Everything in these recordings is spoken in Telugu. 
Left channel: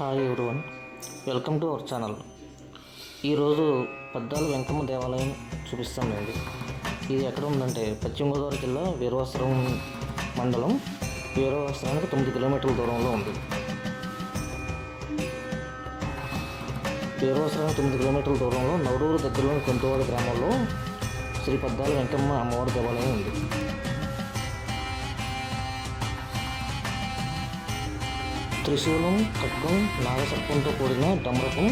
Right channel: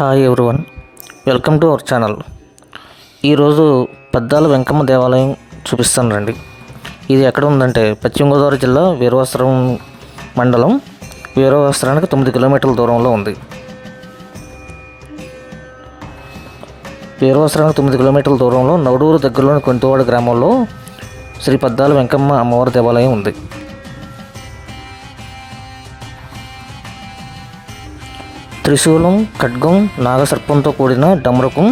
Hi everyone, welcome to our channel. ఈరోజు పద్దాల వెంకమ్మ దేవాలయం చూపిస్తాను రండి. ఇది ఎక్కడ ఉందంటే పశ్చిమ గోదావరి జిల్లా వీరవస్త్రం మండలం. వీరవస్త్రానికి 9 కిలోమీటర్ల దూరంలో ఉంది. వీరవస్త్రానికి 9 కిలోమీటర్ల దూరంలో నవడూరు దగ్గరలోని కొంతవాడ గ్రామంలో శ్రీ పద్దాల వెంకమ్మ అమ్మవారి దేవాలయం ఉంది. త్రిశూలం, ఖడ్గం, నాగసర్పంతో కూడిన డమరుకం,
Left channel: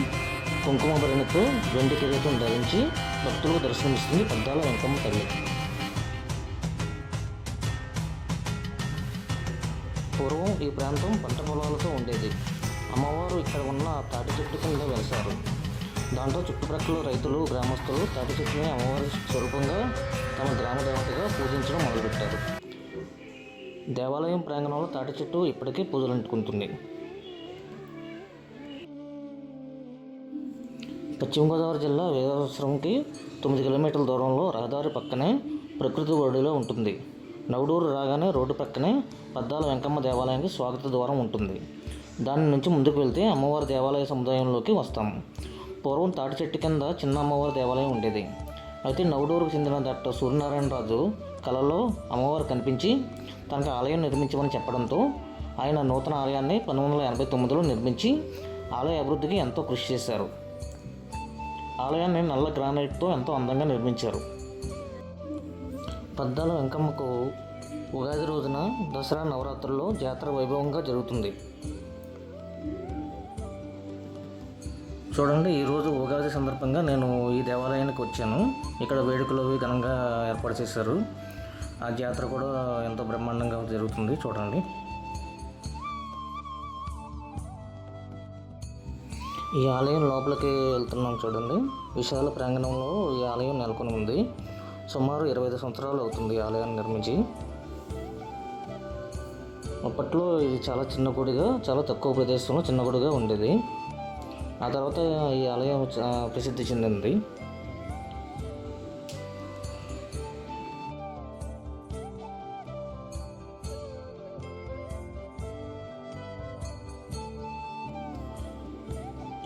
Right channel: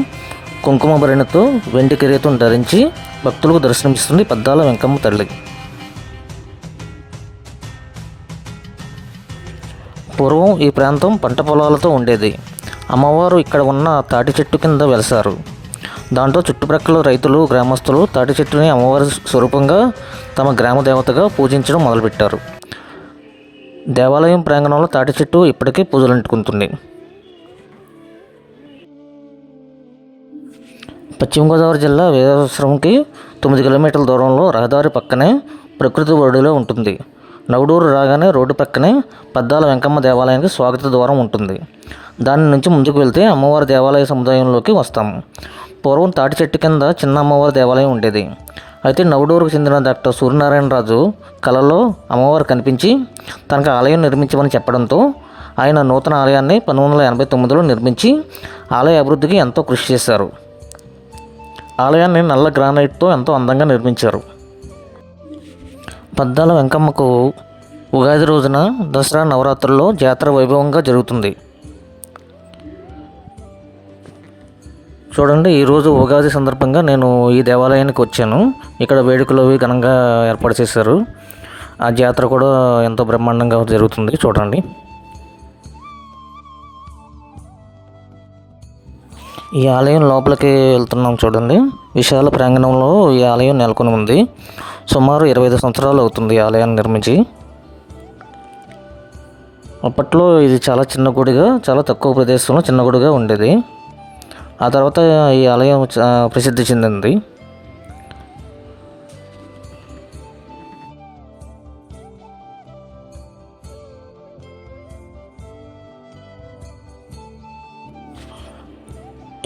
కుంకుమ భరణితో వెండి కిరీటం ధరించి భక్తులకు దర్శనమిస్తుంది పద్దాల వెంకమ్మ తల్లి. పూర్వం ఈ ప్రాంతం పంట పొలాలతో ఉండేది. అమ్మవారు ఇక్కడ ఉన్న తాటి చెట్టు కింద వెలసారు. దాంతో చుట్టుప్రక్కల రైతులు, గ్రామస్తులు తాటి చెట్టుని అమ్మవారి స్వరూపంగా తమ గ్రామ దేవతగా పూజించడం మొదలుపెట్టారు. దేవాలయం ప్రాంగణంలో తాటి చెట్టు ఇప్పటికీ పూజలు అంటుకుంటుంది. పశ్చిమ గోదావరి జిల్లా వీరవస్త్రంకి 9 కిలోమీటర్ల దూరంలో రహదారి పక్కనే ప్రకృతి ఒడిలో ఉంటుంది. నవడూరు రాగానే రోడ్డు పక్కనే పద్దాల వెంకమ్మ దేవాలయానికి స్వాగత ద్వారం ఉంటుంది. దాని నుంచి ముందుకు వెళ్తే అమ్మవారి దేవాలయ సముదాయంలోకి వస్తాము. పూర్వం తాటి చెట్టు కింద చిన్న అమ్మవారి దేవాలయం ఉండేది. అయితే నవడూరుకు చెందిన డాక్టర్ సూర్యనారాయణరాజు కలలో అమ్మవారు కనిపించి తనకు ఆలయం నిర్మించమని చెప్పడంతో ఆయన నూతన ఆలయాన్ని 1989లో నిర్మించి ఆలయ అభివృద్ధికి ఎంతో కృషి చేశారు. ఆలయాన్ని నల్ల గ్రానైట్తో ఎంతో అందంగా నిర్మించారు. పద్దాల వెంకమ్మకు ఉగాది రోజున దసరా నవరాత్రుల్లో జాతర వైభవంగా జరుగుతుంది. చూడండి, ఈరోజు ఉగాది సందర్భంగా నేను ఈ దేవాలయానికి వచ్చాను. ఇక్కడ వేడుకలు అవి ఘనంగా ఏర్పాటు చేశారు. ఆ జాతర కూడా ఎంతో బ్రహ్మాండంగా జరుగుతుంది. చూడండి, ఈ ఆలయం లోపలికి వెళ్తున్నాం. చూడండి, విశాల ప్రాంగణంలో ఈ ఆలయం నెలకొని ఉంది. సుమారు 25 సంవత్సరాలు అవుతుంది ఈ ఆలయాన్ని నిర్మించి. అప్పట్లో ఇది చాలా చిన్న గుడిగా, చాలా తక్కువ ప్రదేశంలో చిన్న గుడిగా ఉండేది. ఆ తర్వాత ఈ ఆలయం ప్రసిద్ధి చెందింది.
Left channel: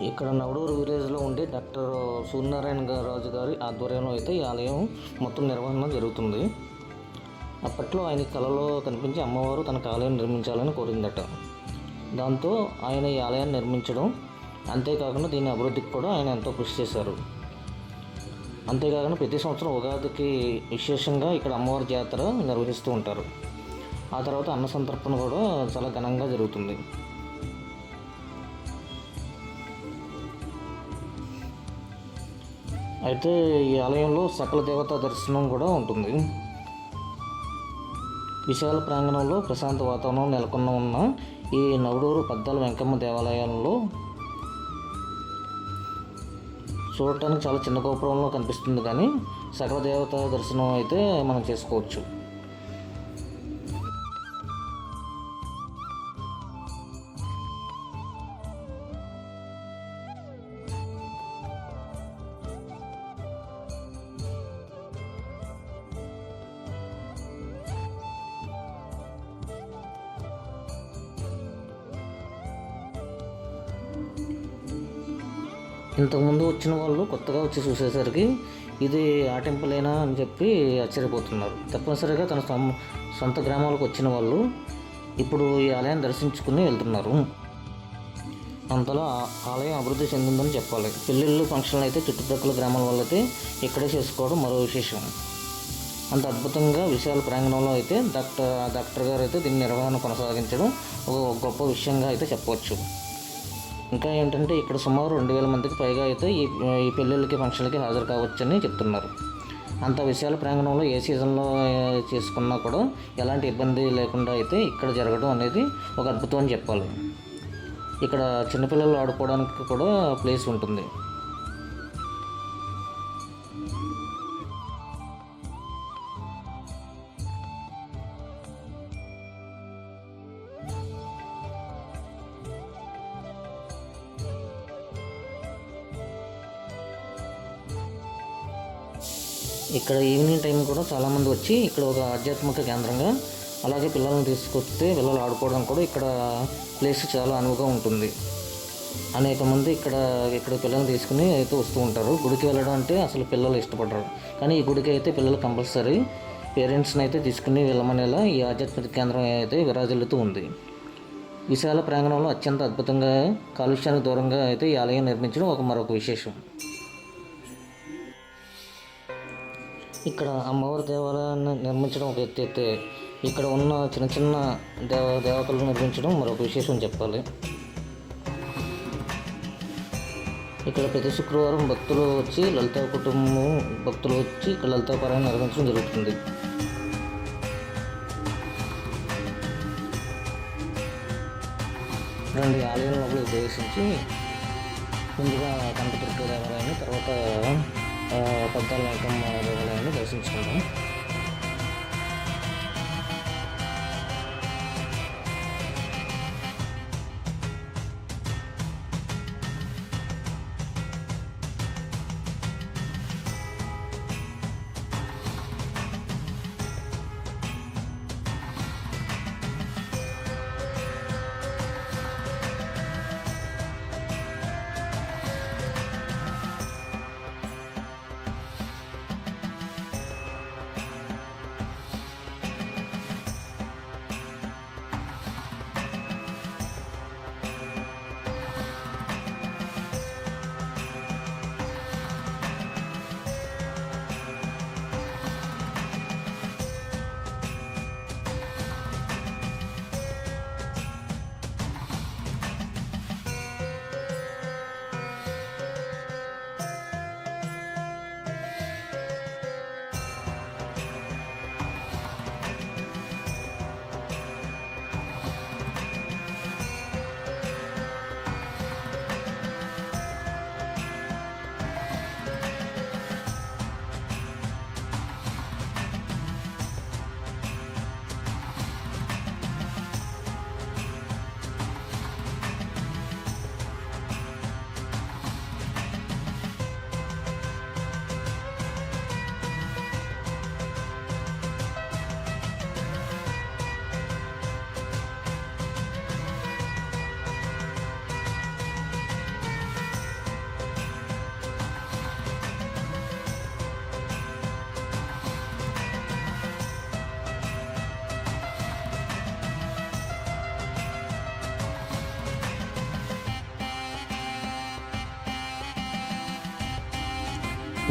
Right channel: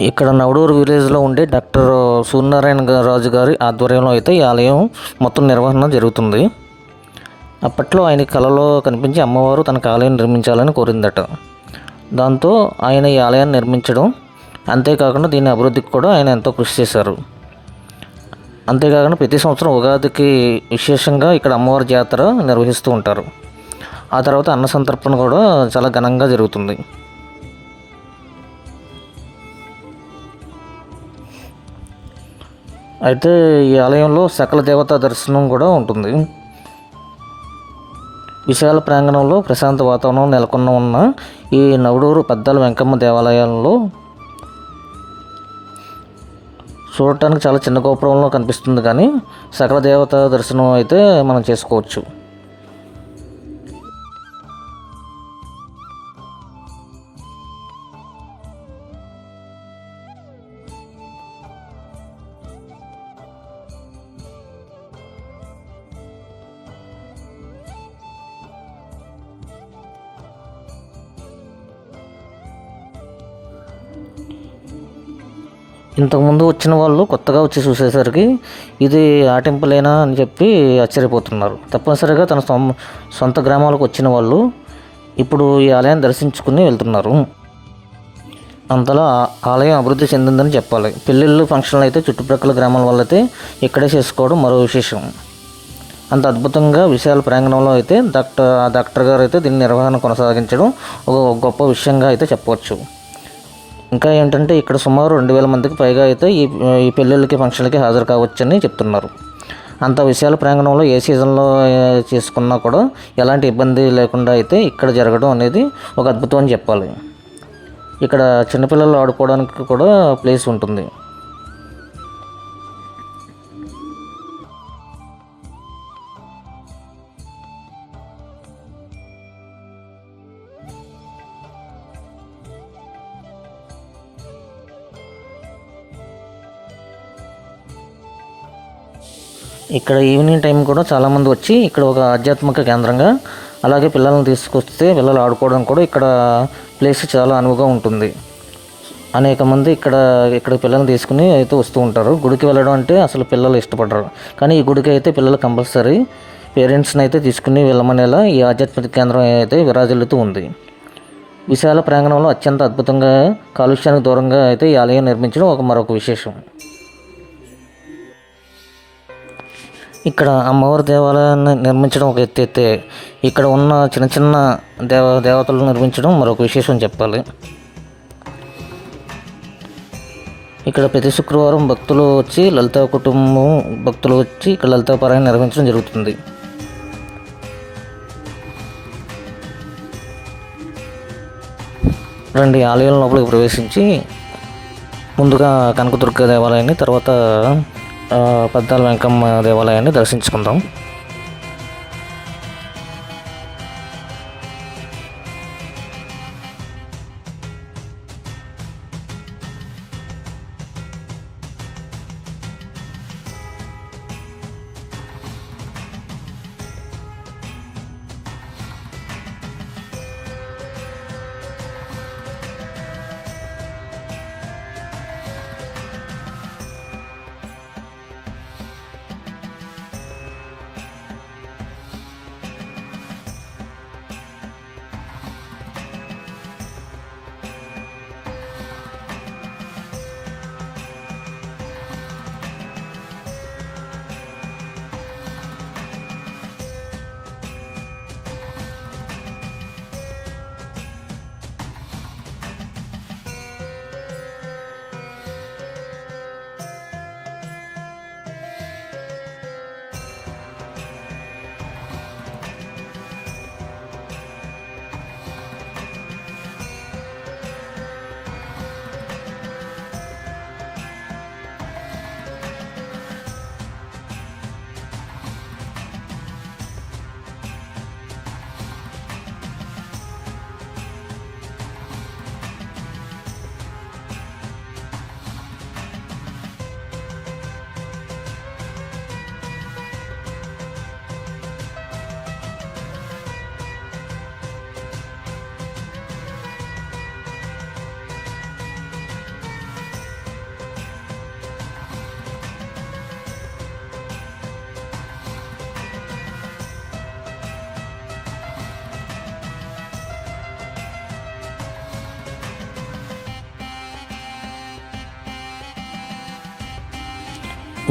ఇక్కడ నవడూరు విలేజ్లో ఉండే డాక్టర్ సూర్యనారాయణ రాజు గారి ఆధ్వర్యంలో అయితే ఈ ఆలయం మొత్తం నిర్వహణ జరుగుతుంది. అప్పట్లో ఆయన కలలో కనిపించి అమ్మవారు తనకు ఆలయం నిర్మించాలని కోరిందట. దాంతో ఆయన ఈ ఆలయాన్ని నిర్మించడం, అంతేకాకుండా దీని అభివృద్ధికి కూడా ఆయన ఎంతో కృషి చేశారు. అంతేకాకుండా ప్రతి సంవత్సరం ఉగాదికి విశేషంగా ఇక్కడ అమ్మవారి జాతర నిర్వహిస్తూ ఉంటారు. ఆ తర్వాత అన్న సంతర్పణ కూడా చాలా ఘనంగా జరుగుతుంది. అయితే ఈ ఆలయంలో సకల దేవతా దర్శనం కూడా ఉంటుంది. విశాల ప్రాంగణంలో ప్రశాంత వాతావరణం నెలకొన్న ఉన్న ఈ నవడూరు పద్దాల వెంకమ్మ దేవాలయంలో చూడటానికి చాలా చిన్న గోపురంలో కనిపిస్తుంది, కానీ సకల దేవతా దర్శనం అయితే మనం చేసుకోవచ్చు. ఇంతకుముందు వచ్చిన వాళ్ళు కొత్తగా వచ్చి చూసేసరికి ఇది ఆ టెంపులేనా అని చెప్పి ఆశ్చర్యపోతున్నారు. తప్పనిసరిగా తన సొంత గ్రామాలకు వచ్చిన వాళ్ళు ఇప్పుడు ఈ ఆలయాన్ని దర్శించుకుని వెళ్తున్నారు. అంతలా ఆలయం అభివృద్ధి చెందిందని చెప్పాలి. పెళ్ళిళ్ళు, ఫంక్షన్లు అయితే చుట్టుప్రక్కల గ్రామాల వాళ్ళైతే ఇక్కడే చేసుకోవడం మరో విశేషం. అంత అద్భుతంగా విశాల ప్రాంగణంలో అయితే డాక్టర్ గారు అయితే దీన్ని నిర్వహణ కొనసాగించడం ఒక గొప్ప విషయంగా అయితే చెప్పవచ్చు. ఇంకా ఏంటంటే ఇక్కడ సుమారు 2000 మందికి పైగా అయితే ఈ పెళ్ళిళ్ళకి, ఫంక్షన్లకి హాజరు కావచ్చని చెప్తున్నారు. అంత విశాల ప్రాంగణంలో ఏ సీజన్లో చేసుకున్నా కూడా ఎలాంటి ఇబ్బంది లేకుండా అయితే ఇక్కడ జరగడం అనేది ఒక అద్భుతం అని చెప్పాలి. ఇక్కడ చిన్నపిల్లలు ఆడుకోవడానికి కూడా ప్లేస్ ఉంటుంది. ఇక్కడ ఈవినింగ్ టైం కూడా చాలామంది వచ్చి ఇక్కడ ఒక ఆధ్యాత్మిక కేంద్రంగా, అలాగే పిల్లల్ని తీసుకొస్తే పిల్లలు ఆడుకోవడం కూడా ఇక్కడ ప్లేస్ చాలా అనువుగా ఉంటుంది. అనేక మంది ఇక్కడ పిల్లల్ని తీసుకుని అయితే వస్తూ ఉంటారు. గుడికి వెళ్ళడం అంటే అసలు పిల్లలు ఇష్టపడరు, కానీ ఈ గుడికి అయితే పిల్లలు కంపల్సరీ పేరెంట్స్ని అయితే తీసుకుని వెళ్ళమనేలా ఈ ఆధ్యాత్మిక కేంద్రం అయితే విరాజిల్లుతూ ఉంది. విశాల ప్రాంగణంలో అత్యంత అద్భుతంగా కాలుష్యానికి దూరంగా అయితే ఈ ఆలయం నిర్మించడం మరొక విశేషం. ఇక్కడ అమ్మవారి దేవాలయాన్ని నిర్మించడం ఒక ఎత్తు అయితే ఇక్కడ ఉన్న చిన్న చిన్న దేవతలను నిర్మించడం మరొక విశేషం చెప్పాలి. ఇక్కడ ప్రతి శుక్రవారం భక్తులు వచ్చి లలితా కుటుంబం భక్తులు వచ్చి ఇక్కడ లలితా పారాయణ నిర్వహించడం జరుగుతుంది. రండి, ఆలయం లోపలికి ప్రవేశించి ముందుగా కనకదుర్గ దేవాలయాన్ని, తర్వాత పద్దాల వెంకమ్మ దేవాలయాన్ని దర్శించుకుందాం.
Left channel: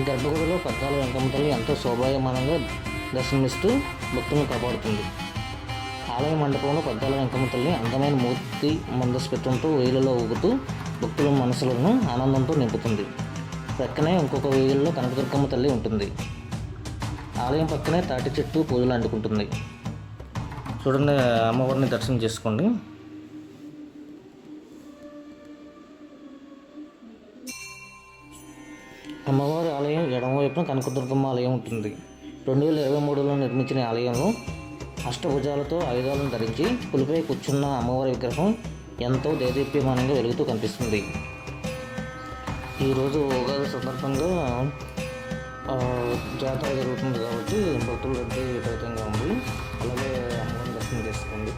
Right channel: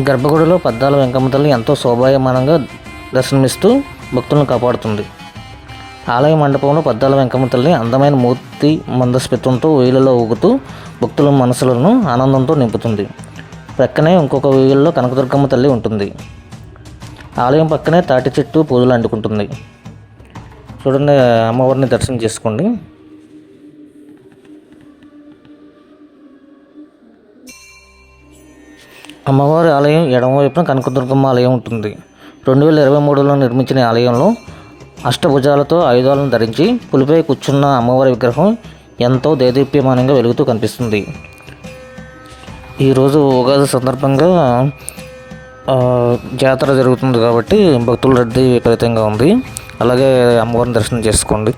గర్భగుడిలో పద్దాల వెంకమ్మ తల్లి ఎంతో శోభాయమానంగా దర్శనమిస్తూ భక్తులను కాపాడుతుంది. ఆలయ మండపంలో పద్దాల వెంకమ్మ తల్లి అందమైన మూర్తి మందస్మితంతో వేయిలలో ఊగుతూ భక్తుల మనసులను ఆనందంతో నింపుతుంది. ప్రక్కనే ఇంకొక వేయిల్లో కనకదుర్గమ్మ తల్లి ఉంటుంది. ఆలయం పక్కనే తాటి చెట్టు పూజలు అంటుకుంటుంది. చూడండి, అమ్మవారిని దర్శనం చేసుకోండి. అమ్మవారి ఆలయం ఎడమవైపున కనకదుర్గమ్మ ఆలయం ఉంటుంది. 2023లో నిర్మించిన ఆలయంలో అష్టభుజాలతో ఆయుధాలను ధరించి పులిపై కూర్చున్న అమ్మవారి విగ్రహం ఎంతో దేదీప్యమానంగా వెలుగుతూ కనిపిస్తుంది. ఈరోజు ఉగాది సందర్భంగా జాతర జరుగుతుంది కాబట్టి భక్తుల రద్దీ విపరీతంగా ఉంది. అలాగే అమ్మవారిని దర్శనం చేసుకోండి.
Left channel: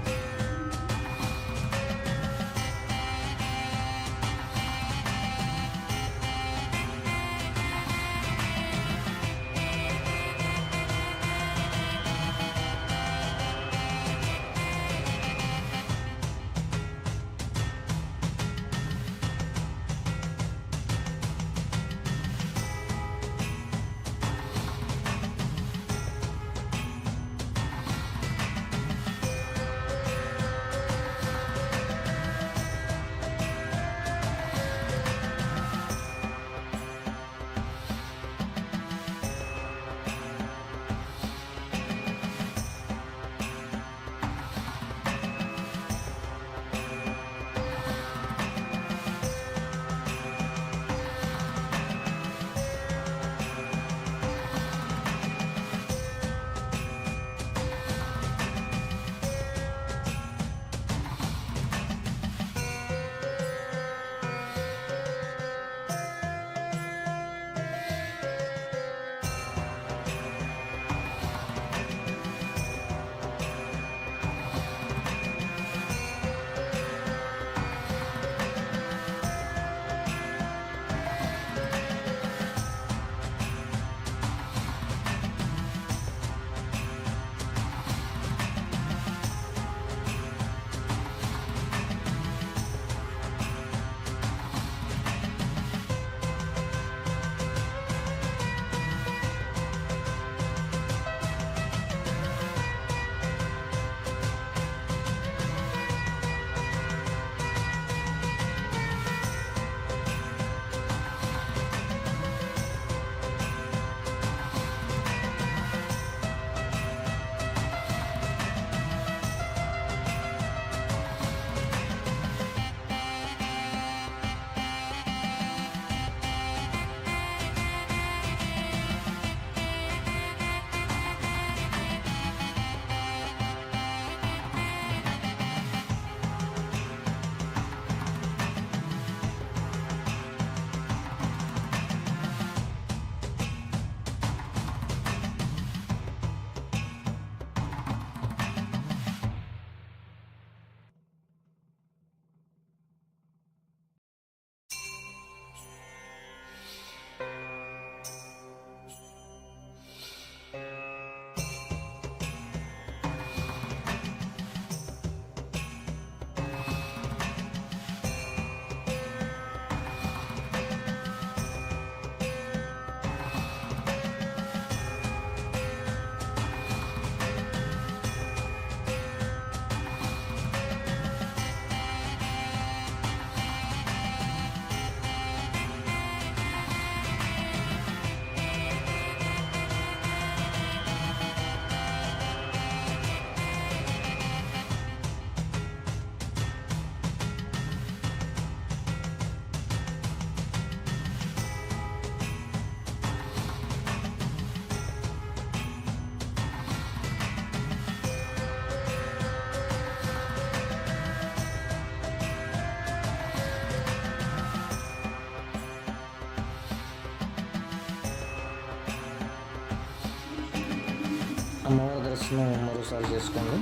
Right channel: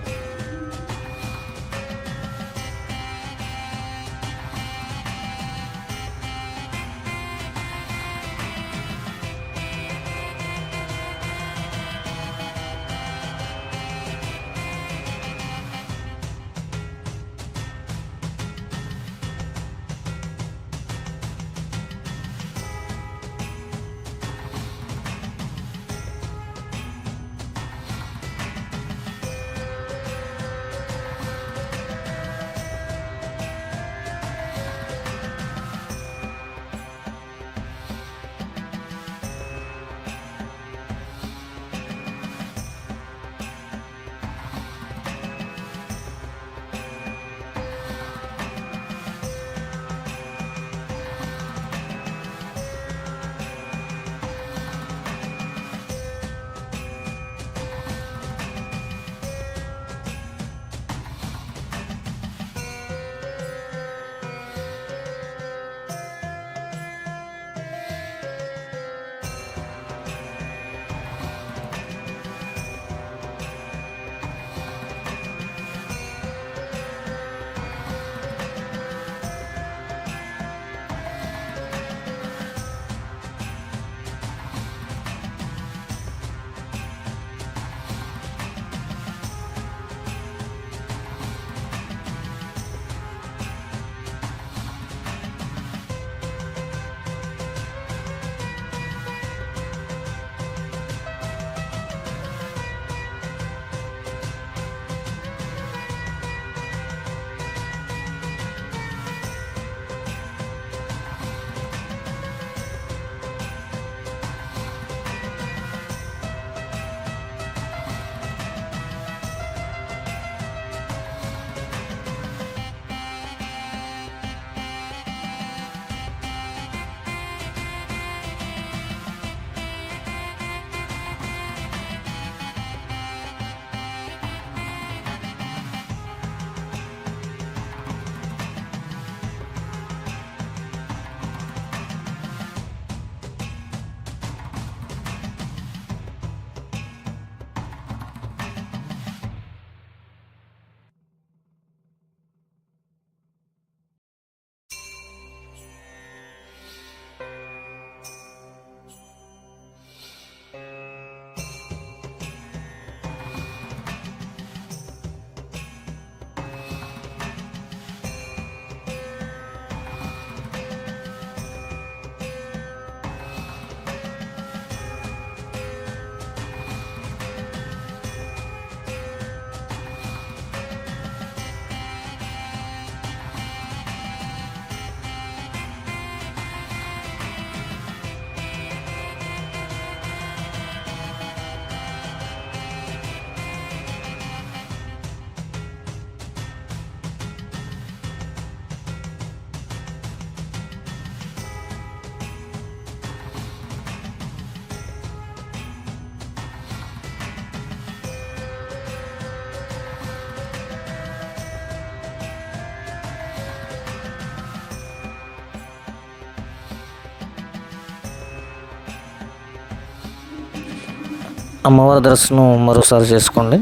అమ్మవారి దర్శనం మరోసారి చేసుకోండి.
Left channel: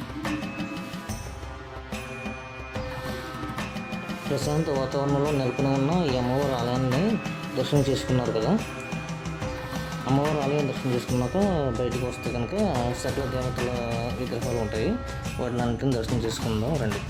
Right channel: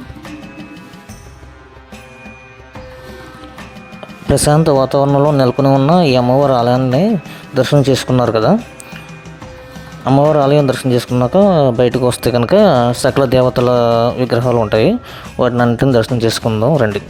ప్రశాంత వాతావరణంలో నెలకొని ఉన్న ఈ అమ్మవారి ఆలయాన్ని దర్శనం చేసుకున్నారు కదా. అమ్మవారి ఆలయం దర్శనం చేసుకున్నాక బయటకు వస్తే కనుక సకల దేవతల విగ్రహాలు ఉంటాయి. వాటిని అన్నింటిని దర్శనం చేసుకుందాం రండి.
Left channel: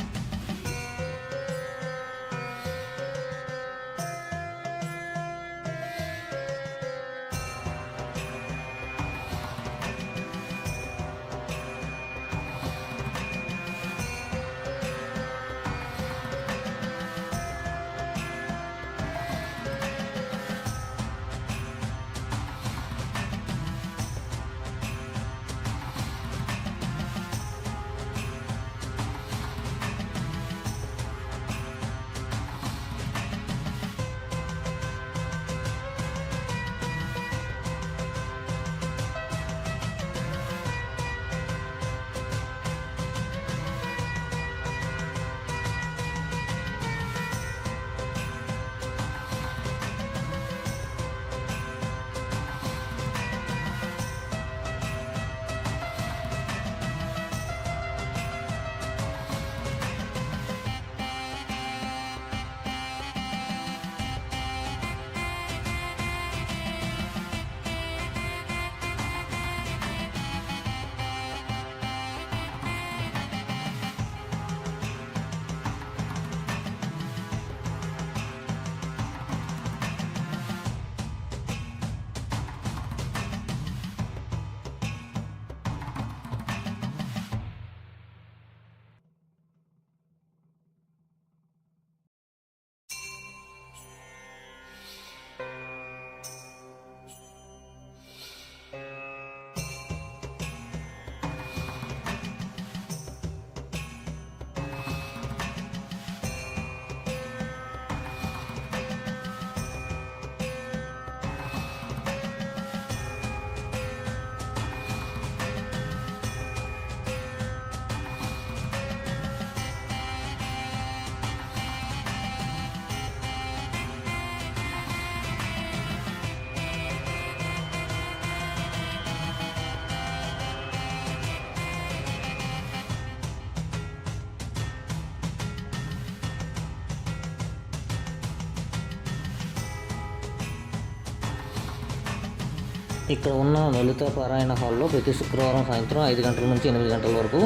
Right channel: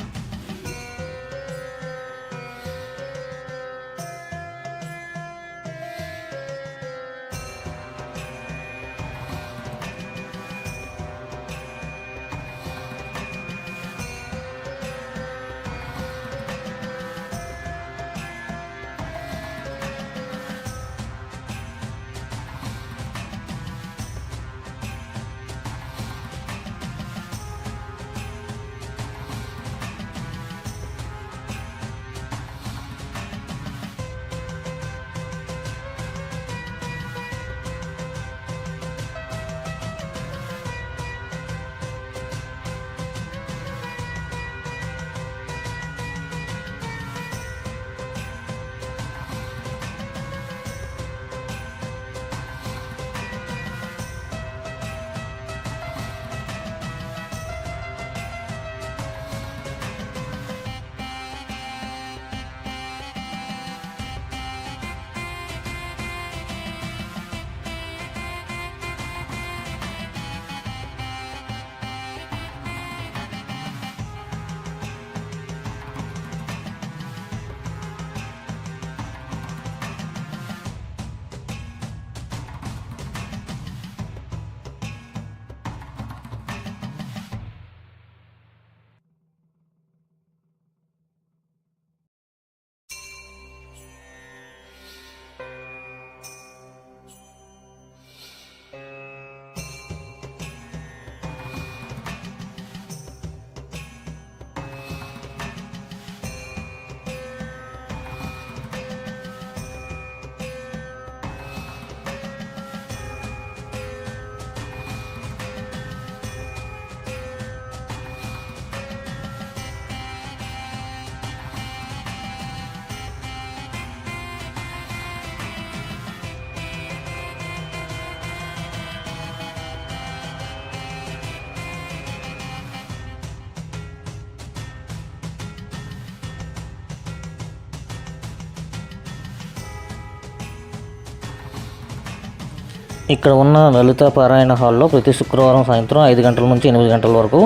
ఇక్కడ ఉన్న లలిత పారాయణ హాల్లో ప్రతి శుక్రవారం సాయంత్రం 5 గంటల నుంచి 8 గంటల వరకు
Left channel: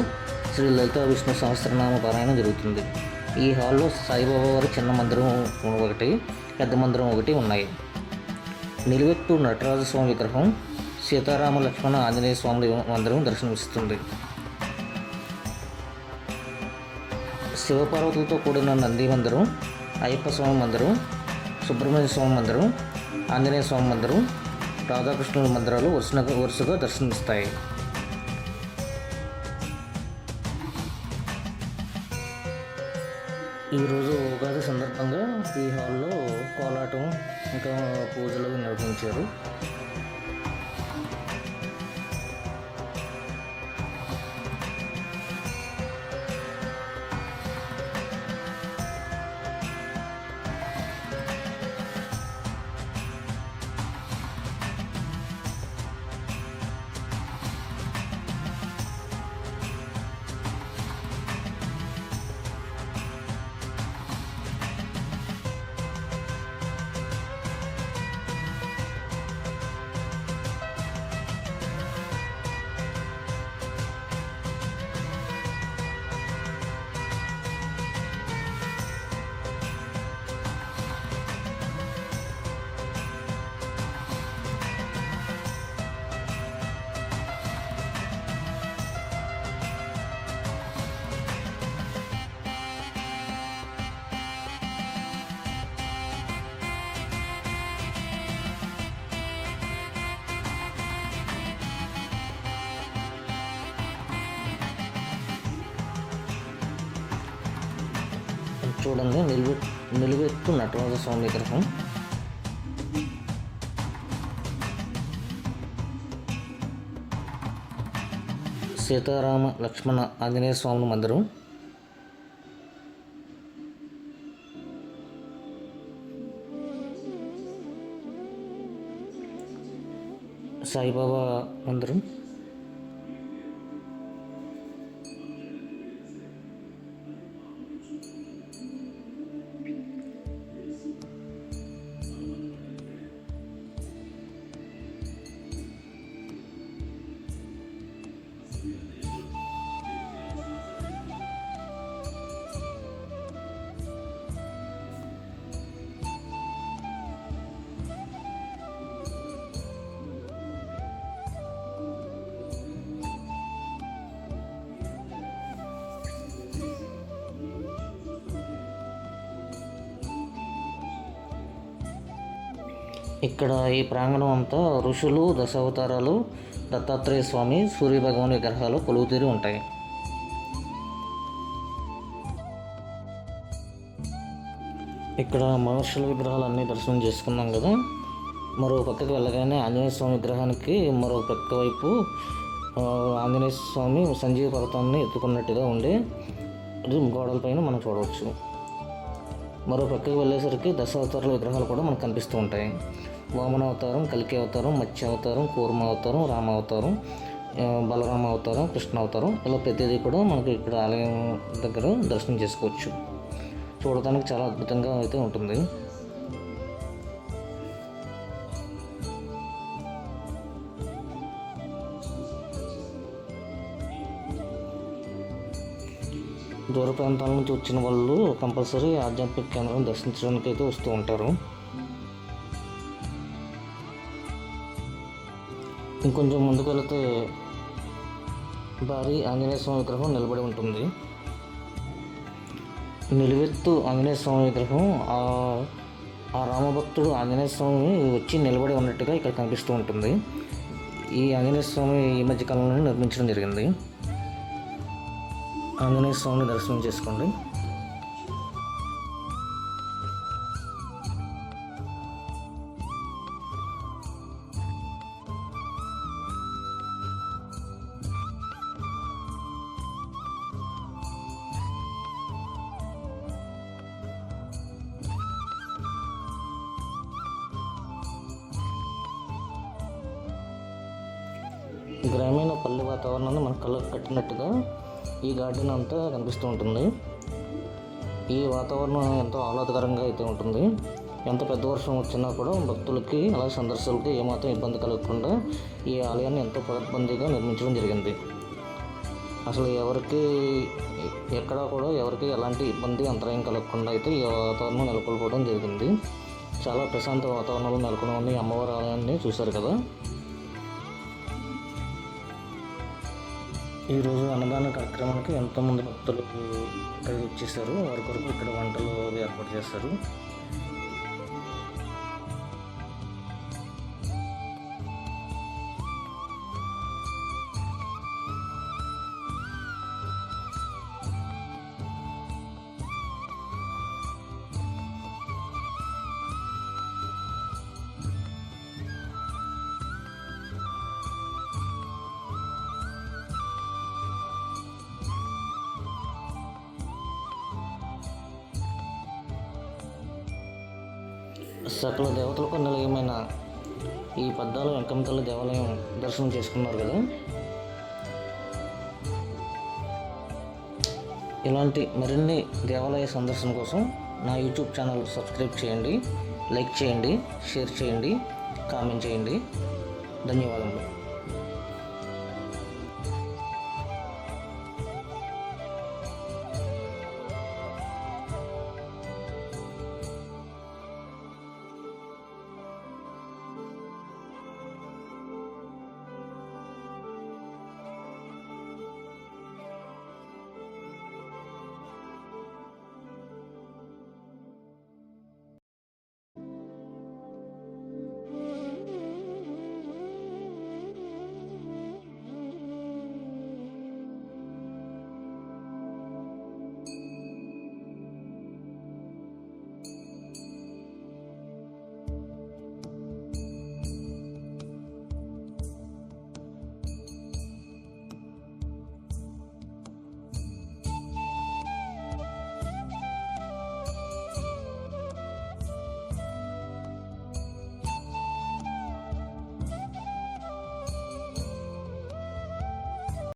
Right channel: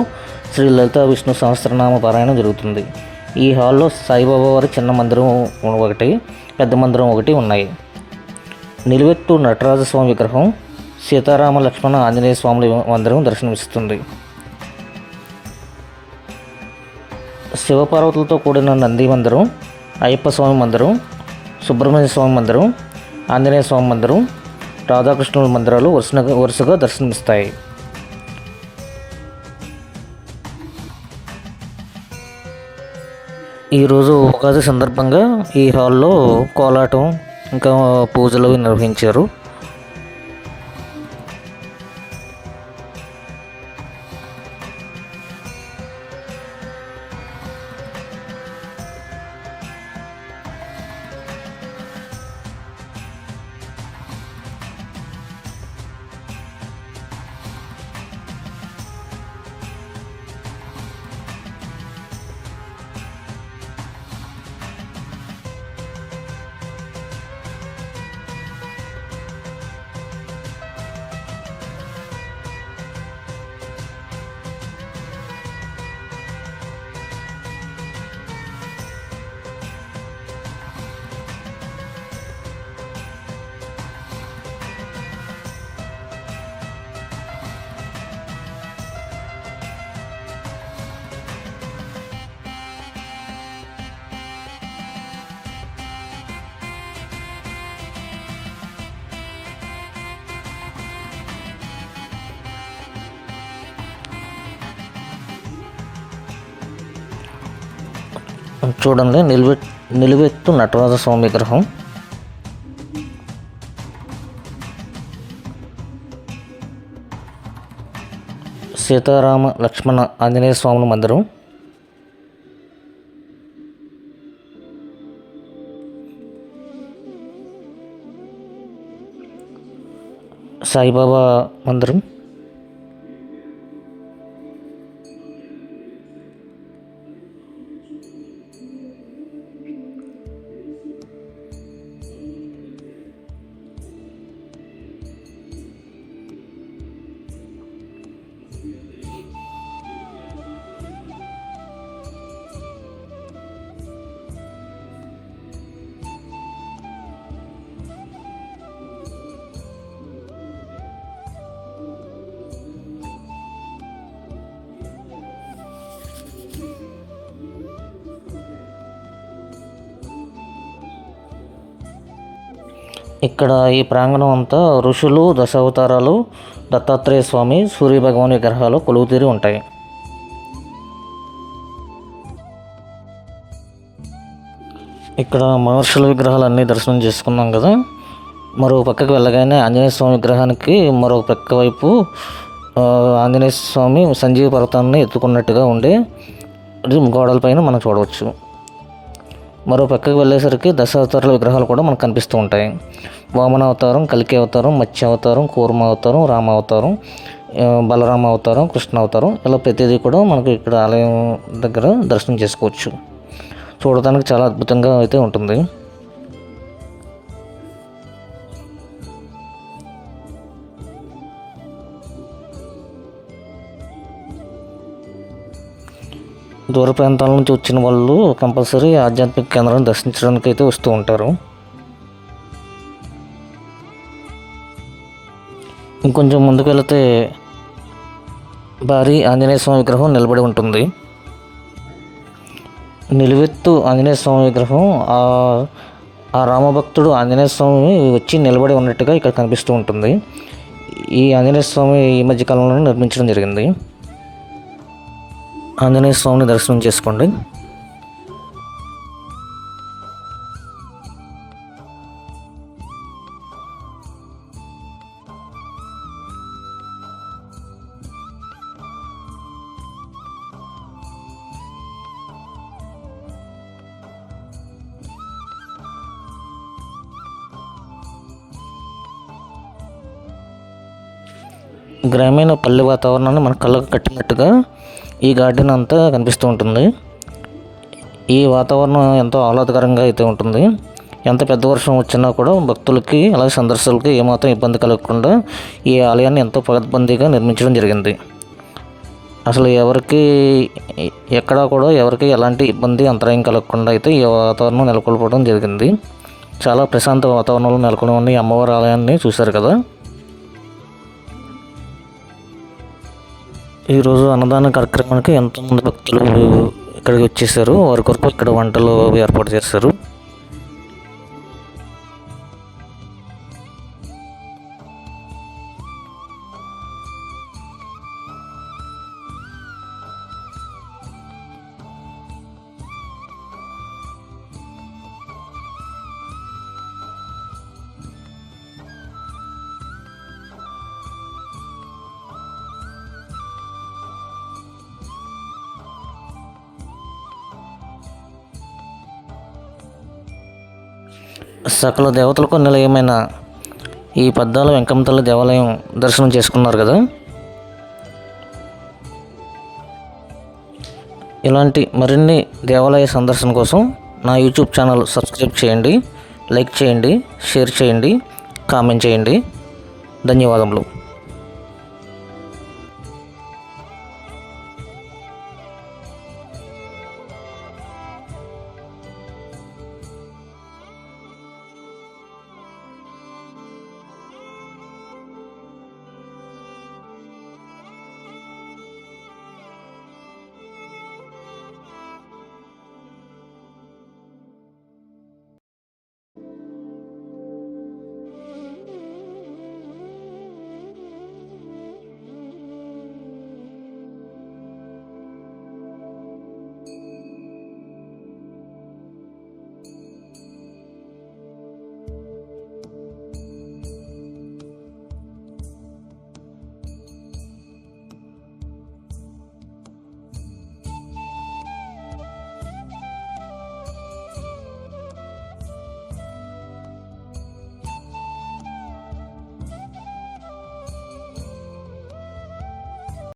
శ్రీ లలిత విష్ణు సహస్రనామ పారాయణం జరుగుతుంది. ఈ హాల్లో సాయిబాబా వారి చిన్న మందిరం ఒకటి, పెద్ద మందిరం ఒకటి ఉన్నాయి. నిలువెత్తు నటరాజస్వామి విగ్రహం, సీతారామ లక్ష్మణ ఆంజనేయ స్వాముల మందిరం దర్శనమిస్తుంది. శివపార్వతులతో కూడిన నంది మందిరం, అయ్యప్ప స్వామి మందిరం, సుబ్రహ్మణ్య స్వామి మందిరం, ఆంజనేయ స్వామి మందిరం, రాధాకృష్ణుల మందిరాలు వరుసగా దర్శనమిస్తాయి. ఈరోజు ఉగాది సందర్భంగా ఈ హాల్లో కోలాటం ఇంకా పూజలు నిర్వహించారు. చూడండి, నిలువెత్తు నటరాజ స్వామి విగ్రహం. సీతారామ లక్ష్మణ ఆంజనేయ స్వాముల మందిరం, సాయిబాబా మందిరం, ఇక్కడ ఈ ప్రాంగణం అంతా ఋషులు, దశావతారాలు, దత్తాత్రేయ స్వామి, సూర్య భగవాన్ విగ్రహాలు కొలువుతీరి ఉంటాయి. ఇక్కడ మహర్షుల విగ్రహాలన్నీ దర్శనం చేసుకున్నాం కదా. మరో పక్కకు వెళ్ళగానే ఆంజనేయ స్వామి విగ్రహానికి మరో పక్క వైపు ఆంజనేయ స్వామి సంజీవ పర్వతాన్ని ఎత్తుకున్నట్టుగా ఉండే గోడలపైన మనం చూడవచ్చు. మరో పక్కకు వెళ్ళేసరికి దశావతారాల విగ్రహాలు కూడా మనకు కనిపిస్తూ ఉంటాయి. వామన అవతారం, కల్కి అవతారం, మత్స్య అవతారం, కూర్మ అవతారం, రామ అవతారం, బలరామ అవతారం, కృష్ణ అవతారం, ఇలా ప్రతిదీ కూడా మనకు ఇక్కడ ఆలయం దగ్గర దర్శనం చేసుకోవచ్చు. చూడటానికి చాలా అద్భుతంగా అయితే ఉంటుంది. దూర ప్రాంతాల నుంచి వచ్చిన వాళ్ళు కంపల్సరీ ఆధ్యాత్మిక కేంద్రాన్ని దర్శించడానికి అయితే వస్తూ ఉంటారు. ఇంకొంచెం ముందుకు వెళితే భారీ ఆంజనేయ స్వామి విగ్రహం నిలబడి ఉంటుంది. నిలువెత్తు ఆంజనేయ స్వామి విగ్రహం ఆ రామభక్తుడు ఆంజనేయ స్వామి వచ్చి నిలబడి ఉన్నట్టుగా ఇక్కడ కనిపిస్తూ ఉంటుంది. ఈ ఆంజనేయ స్వామి ఈ మధ్యకాలంలో నిర్మించడం జరిగింది. ఆంజనేయ స్వామిని దర్శనం చేసుకోండి. గ్రామీణ పల్లె వాతావరణాన్ని మన కళ్ళకు కట్టినట్టుగా ఈ గార్డెన్ అంతా కనిపిస్తూ ఉంటుంది. ఈ వాతావరణం ఎంతో ఆహ్లాదకరంగా అయితే ఉంటుంది. ఎంత పెద్ద వర్షం వచ్చినా కూడా భక్తులకి అలాగే సందర్శకులకి ఏమాత్రం ఇబ్బంది కలగకుండా ఈ ఆలయాన్ని ఎంతో పకడ్బందీగా నిర్మించడం జరిగింది. అసలు ఎక్కడా కూడా ఎవరికి ఎలాంటి ఇబ్బంది అంతరాయం కలగకుండా అయితే ఈ వాతావరణం నెలకొల్పడం జరిగింది. చాలా ప్రశాంత వాతావరణంలో నెలకొని ఉన్న ఈ అమ్మవారి ఆలయాన్ని చూశారు కదా. ఈరోజు అన్నదాన కార్యక్రమానికి ఎంతోమంది భక్తులు ఇక్కడికి వచ్చేసారు. వారి కొరకు ఇక్కడ వంటలు ఏర్పాటు చేశారు. సకల దేవతలకు నిలయమైన ఈ పద్దాల వెంకమ్మ తల్లి దేవాలయం దర్శనం చేసుకున్నారు కదా. ఇలాంటి మరిన్ని దేవాలయ సందర్శన కోసం నా యూట్యూబ్ ఛానల్ సబ్స్క్రైబ్ చేయండి, లైక్ చేయండి, షేర్ చేయండి, కామెంట్ చేయండి. ధన్యవాదములు.